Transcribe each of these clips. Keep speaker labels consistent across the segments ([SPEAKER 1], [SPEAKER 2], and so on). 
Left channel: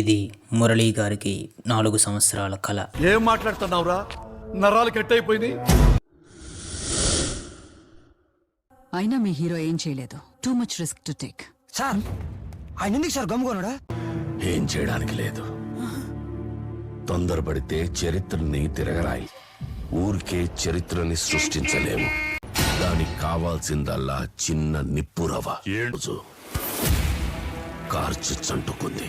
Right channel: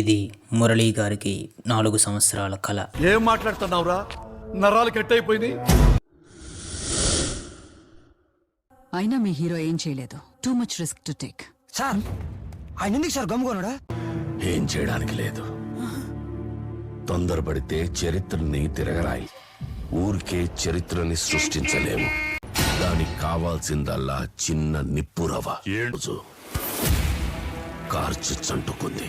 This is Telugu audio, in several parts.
[SPEAKER 1] ఇది మురళీ గారికి నాలుగు సంవత్సరాల కళ
[SPEAKER 2] ఏం మాట్లాడుతున్నావురా? నరాలు కట్ అయిపోయింది
[SPEAKER 3] అయినా మీ హీరో ఏం చేయలేదు. Too much risk to take
[SPEAKER 4] sir ఆయన ఎందుకు సార్ గమ్ముకోనుడా
[SPEAKER 5] ఏం చేయడానికి లేదు. తొందరపడితే చరిత్రని తిరగరాయి. ఊరికే చరిత్రని సృష్టించలేము. దానికి కావాల్సిందల్లా చిన్న నిప్పురవ కార్చి చంటుకుంది.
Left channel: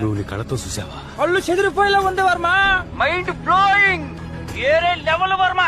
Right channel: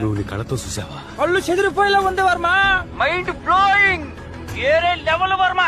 [SPEAKER 2] నువ్వు నీ కళతో చూసావా?
[SPEAKER 6] కళ్ళు చెదిరిపోయేలా ఉంది వర్మ. మైండ్ బ్లోయింగ్ ఏరే లెవెల్ వర్మ.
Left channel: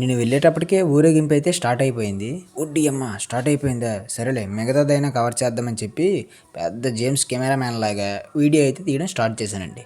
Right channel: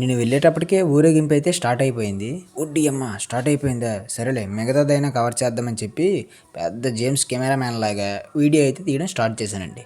[SPEAKER 1] నేను వెళ్ళేటప్పటికే ఊరేగింపు అయితే స్టార్ట్ అయిపోయింది. ఉడ్డి అమ్మ స్టార్ట్ అయిపోయిందా? సరేలే మిగతాదైనా కవర్ చేద్దామని చెప్పి పెద్ద జేమ్స్ కెమెరామ్యాన్ లాగా వీడియో అయితే తీయడం స్టార్ట్ చేశానండి.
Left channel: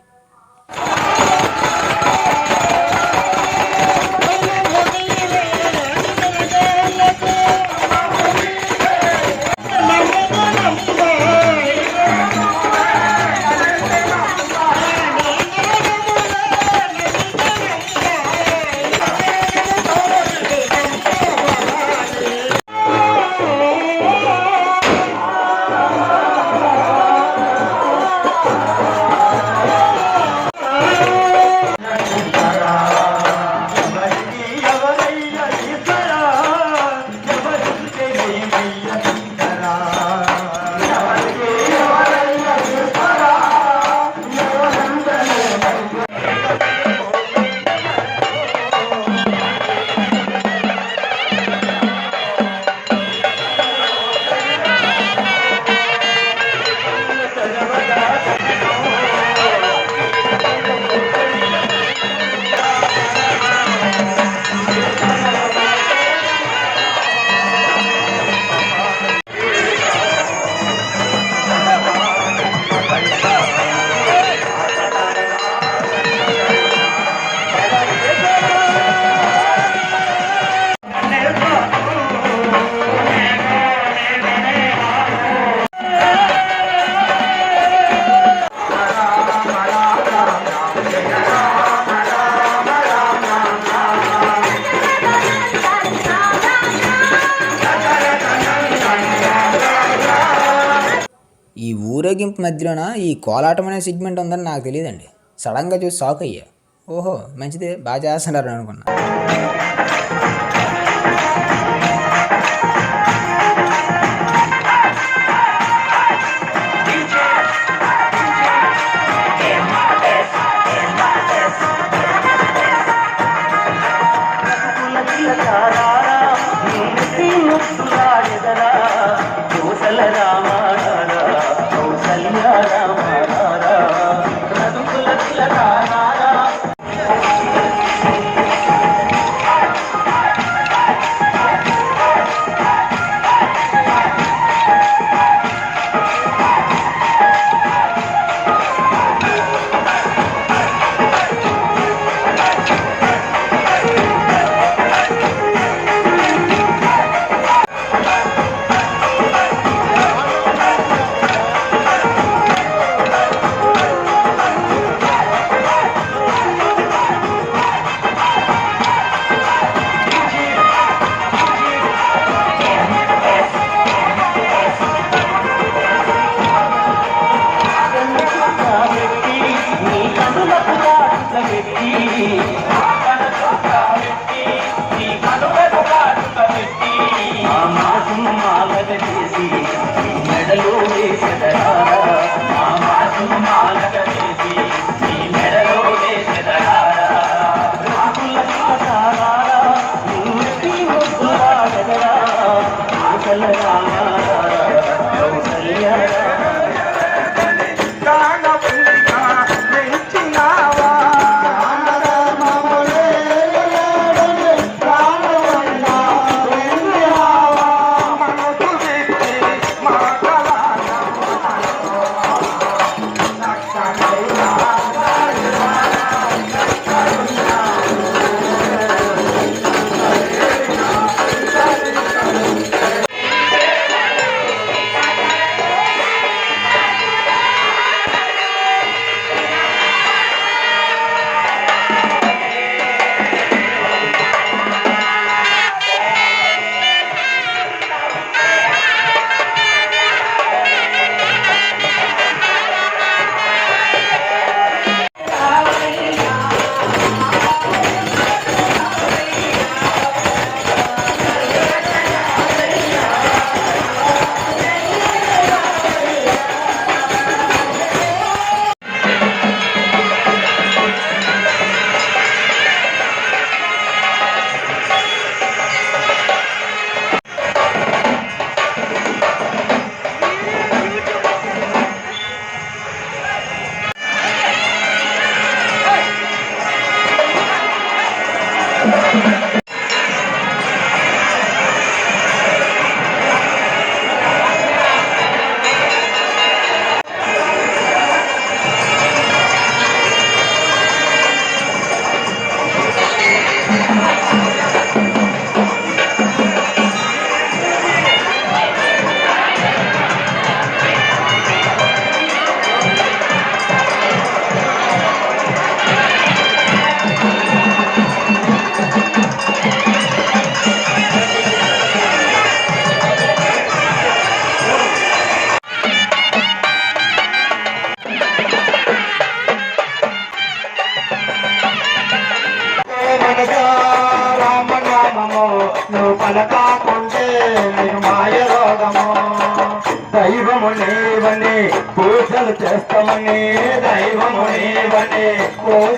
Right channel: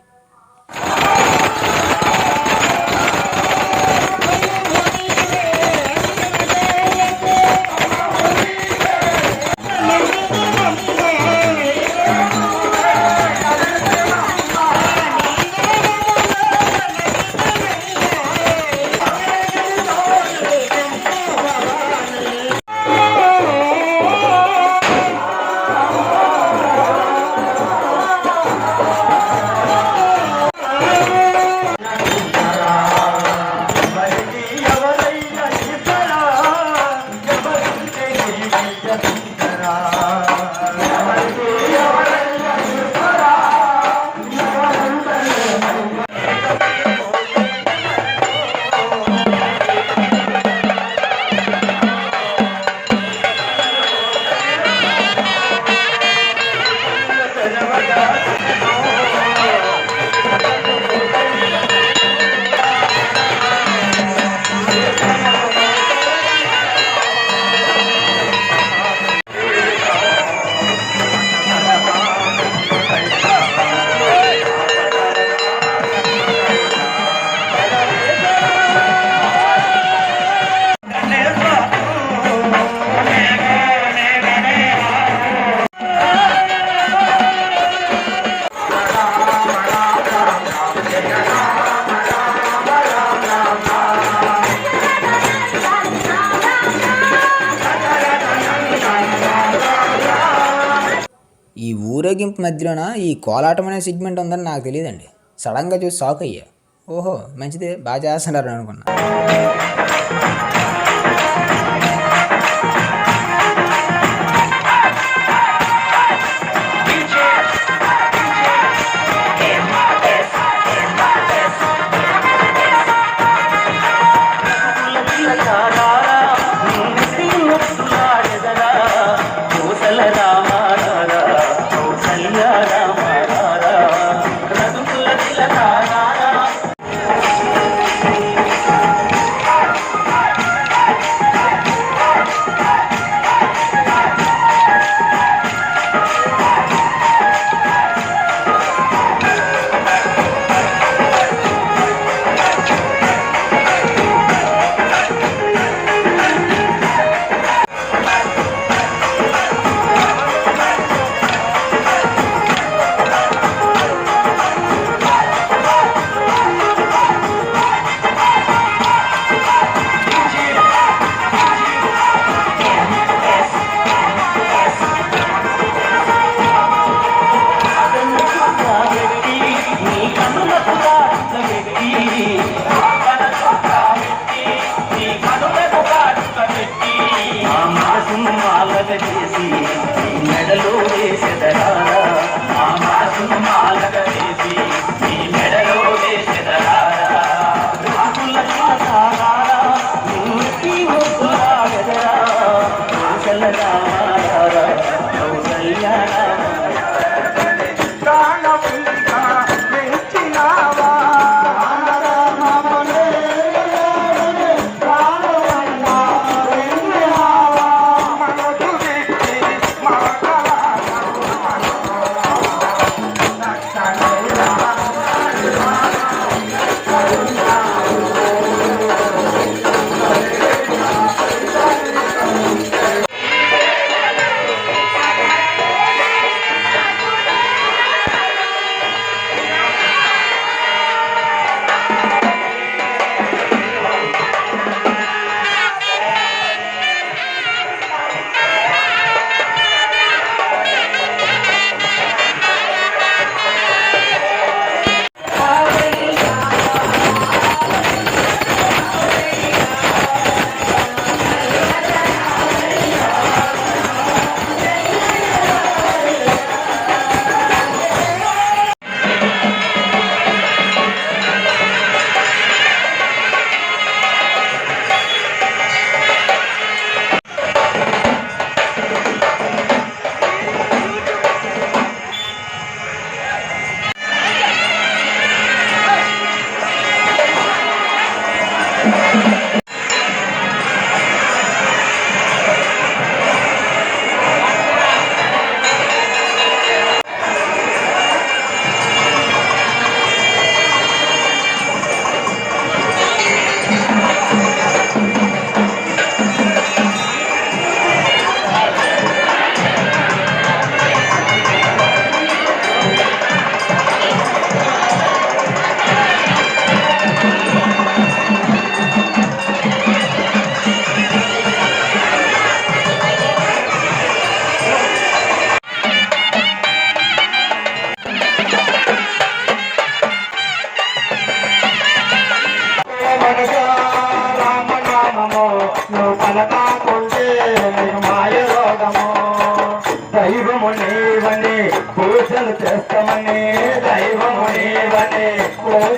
[SPEAKER 1] ఊరేగింపు మధ్యలోన? ఈ కోలాటం అనే సెగ్మెంట్ ఉందని నాకు తెలియదండి. సడన్గా చూసి షాక్ అయ్యా ఓహో మంచిదే. బాగా చేస్తున్నారు అనుకున్నా.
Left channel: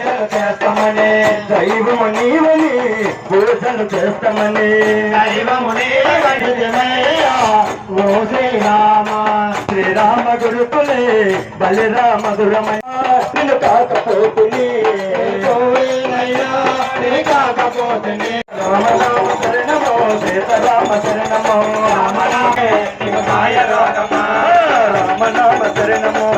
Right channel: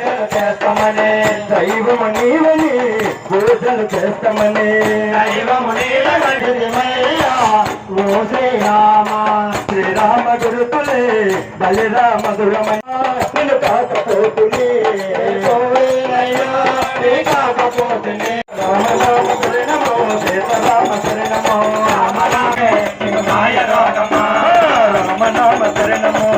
[SPEAKER 7] పూజలు చేస్తామని. దైవము నీవని పూజలు చేస్తామని. దైవము నీవని ఓ శ్రీరామ గురుకులే బలిరామ గురమయ నిన్ను కాకపోతుని. కాకపోతుని. రామ రామ శరణమో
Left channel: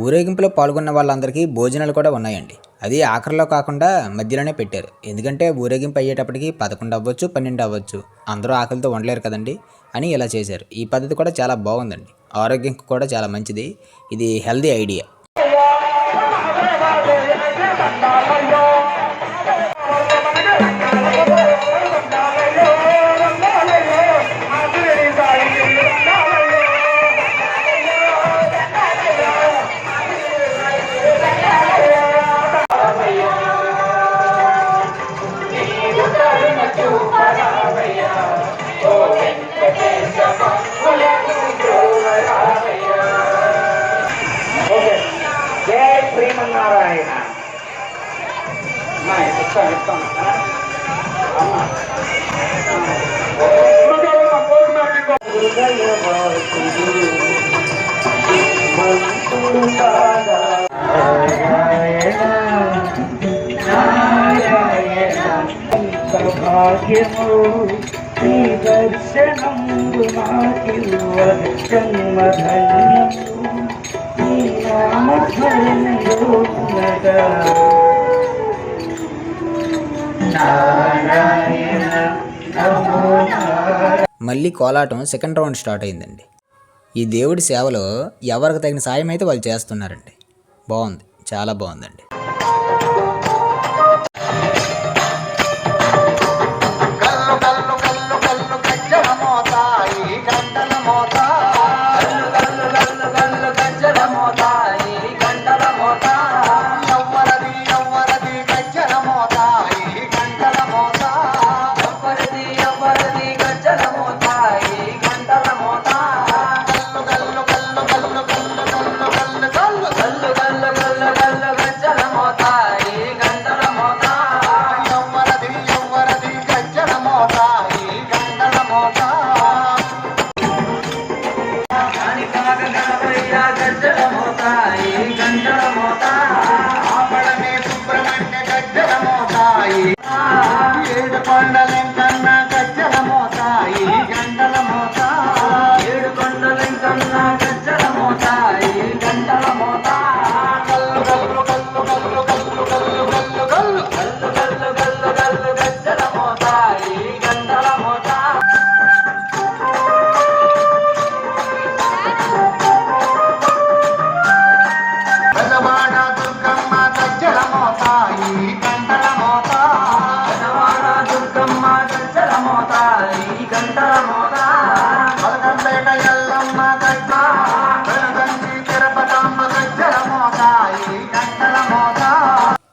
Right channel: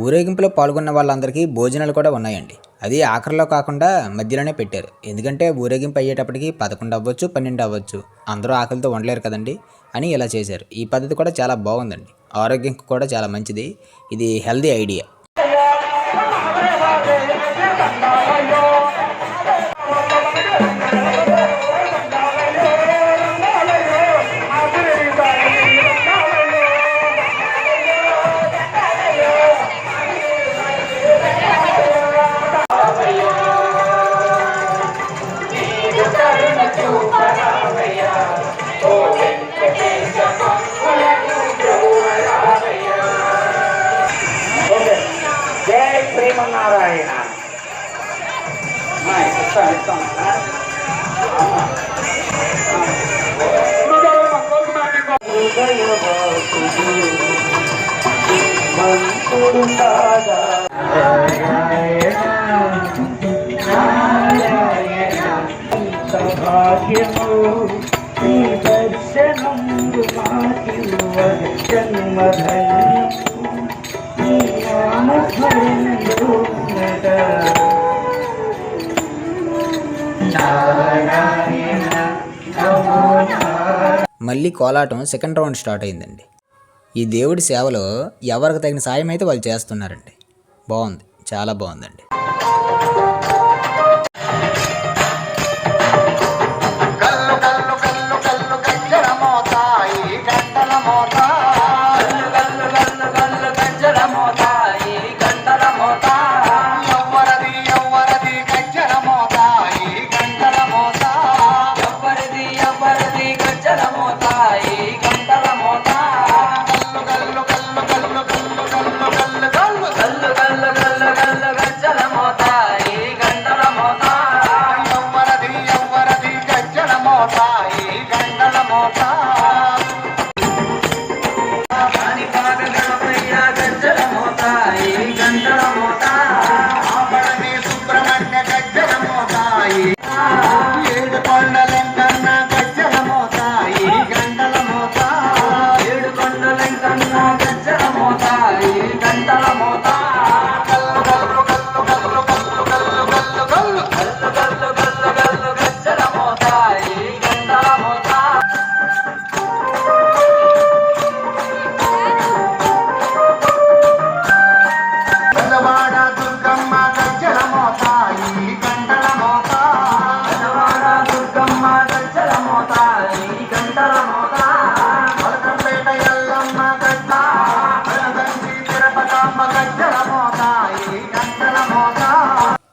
[SPEAKER 1] ఊరేగింపులో పాల్గొన్న వాళ్ళందరికీ భోజనాలు కూడా ఉన్నాయండి. అది ఆఖరిలో కాకుండా మధ్యలోనే పెట్టారు. ఎందుకంటే ఊరేగింపు అయ్యేటప్పటికి పదకొండు అవ్వచ్చు పన్నెండు అవ్వచ్చు. అందరూ ఆకలితో ఉండలేరు కదండి అని ఇలా చేశారు. ఈ పద్ధతి కూడా చాలా బాగుందండి. ఆరోగ్యంకి కూడా చాలా మంచిది. ఇది హెల్దీ ఐడియా. మళ్ళీ కోలాటం సెకండ్ రౌండ్ స్టార్ట్ అయిందండి. ఈ దేవుడి సేవలో ఎవరికి తగిన సాయం అయితే వాళ్ళు చేస్తున్నారండి. బాగుంది. చాలా బాగుందండి.
[SPEAKER 6] সদা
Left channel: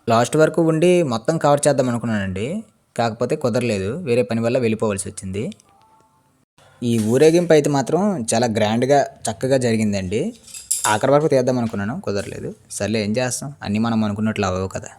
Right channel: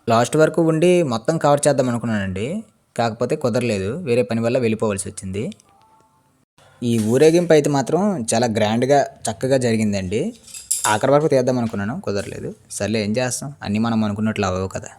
[SPEAKER 1] లాస్ట్ వరకు ఉండి మొత్తం కవర్ చేద్దాం అనుకున్నానండి. కాకపోతే కుదరలేదు. వేరే పని వల్ల వెళ్ళిపోవాల్సి వచ్చింది. ఈ ఊరేగింపు అయితే మాత్రం చాలా గ్రాండ్గా చక్కగా జరిగిందండి. ఆఖరి వరకు తీద్దాం అనుకున్నాను. కుదరలేదు. సర్లే ఏం చేస్తాం? అన్నీ మనం అనుకున్నట్లు అవ్వవు కదా.